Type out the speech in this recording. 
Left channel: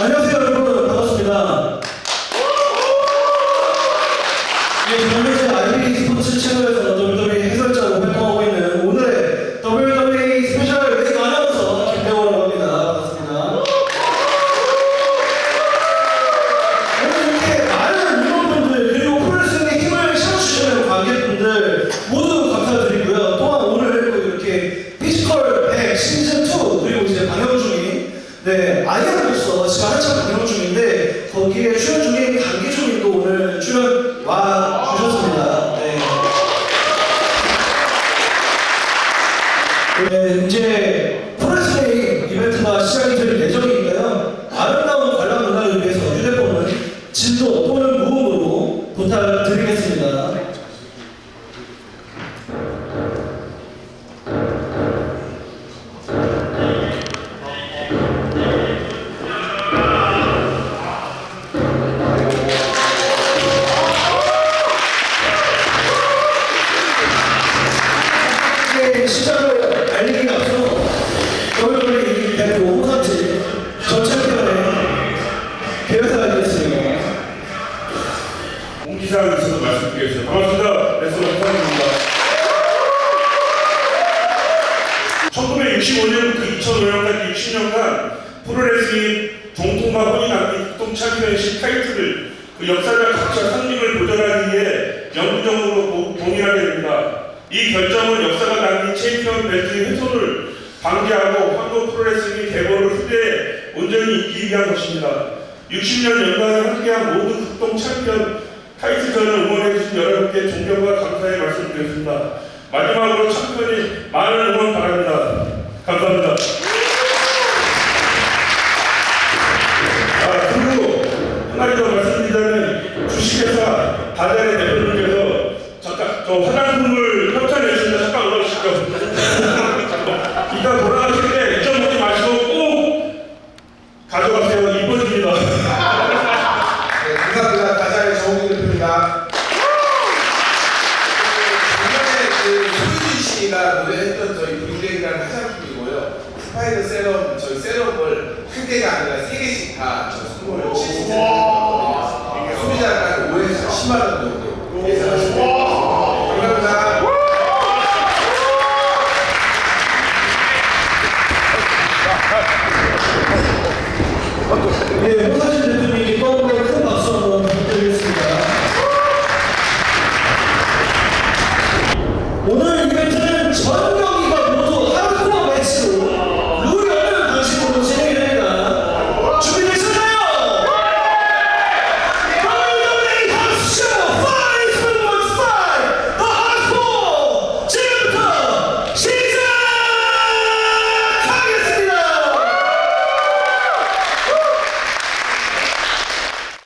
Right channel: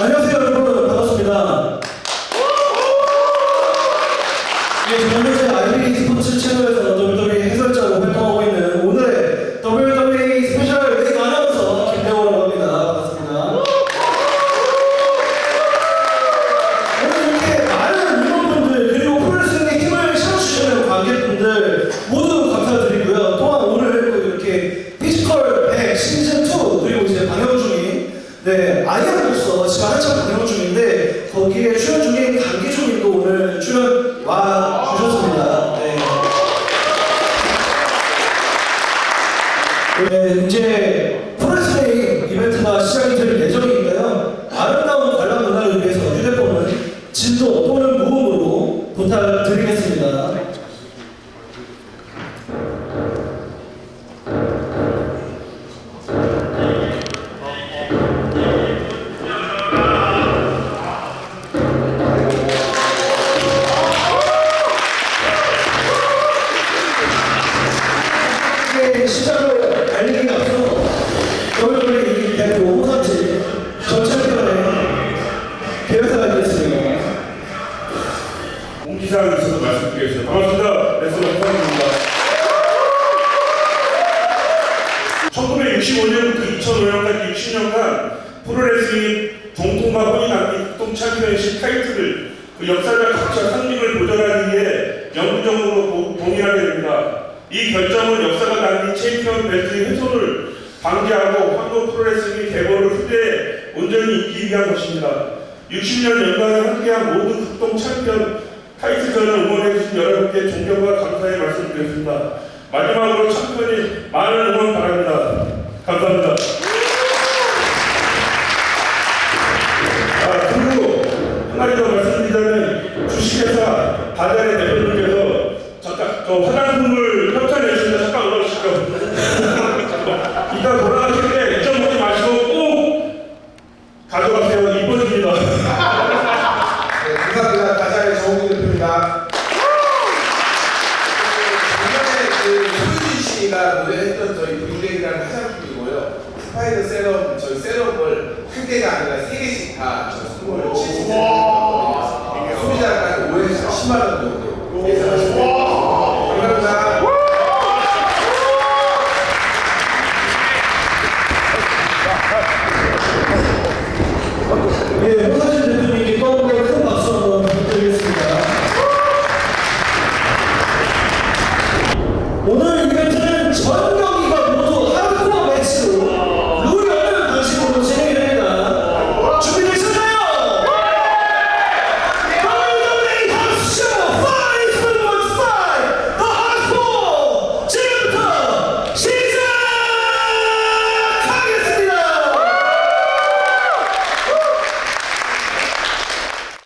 안녕하세요 여러분 반갑습니다. 네 아이언으로서 지금 한참 방영 중인데 거기에 출연 중인 강기준님도 오늘 출연 와 주셨습니다. 네. 네, 이제 프로레슬링 이벤트가 시작이 될 예정이니까요. 아름다운 관람 문화를 위해서 휴대 네, 시작을 알리기 앞서 WWE 대표 홍삼지 전 챔피언의 개회사가 있겠습니다. 공지사항 있어서 말씀드리겠습니다. 반갑습니다. 레슬러 홍상입니다. 1965년부터 2005년까지 60년간 프로레슬링 정통과 혼이 남긴 극동 챔피언십 타이틀을 그 역사적 가치와 상징을 보존하기 위해 영구적으로 보- 봉인하게 됩니다. 이 결정은 역사가 챔피언 벨트의 훼손을 방지하고 한국 프로레슬링 개보를 후대에 온전히 이기 위한 것입니다. 60년 연간을 함께한 모든 극동 챔피언 타이틀전을 응원해주신 여러분께 존경과 감사의 말씀드렸습니다. 마지막으로 챔피언이 많은 응원 바랍니다. 감사합니다. 아, 그리고 한 가지 더 말씀드리자면 주식회사 다자의 대표님께서 잠깐 저 화장품을 올라주시죠. 이따 돌아가실 때 잊어먹지 마시고 꼭 가져가세요. 이뻐집니다. 네, 감사합니다. 다자의 정우기 대표입니다. 작년에 그 소유진 씨가 노래했던 저희 블랙이라는 화장품이고요. 스파이더 세럼, 저희 세럼을 한 개가 아니라 세 개씩 다저 선물을 시스템을 했거든요. 소비자가 한 5에서 10만 원 정도 예, 호사진 대표님께 더불어 큰 박수 한번 드리겠습니다. 오늘 이벤트는 전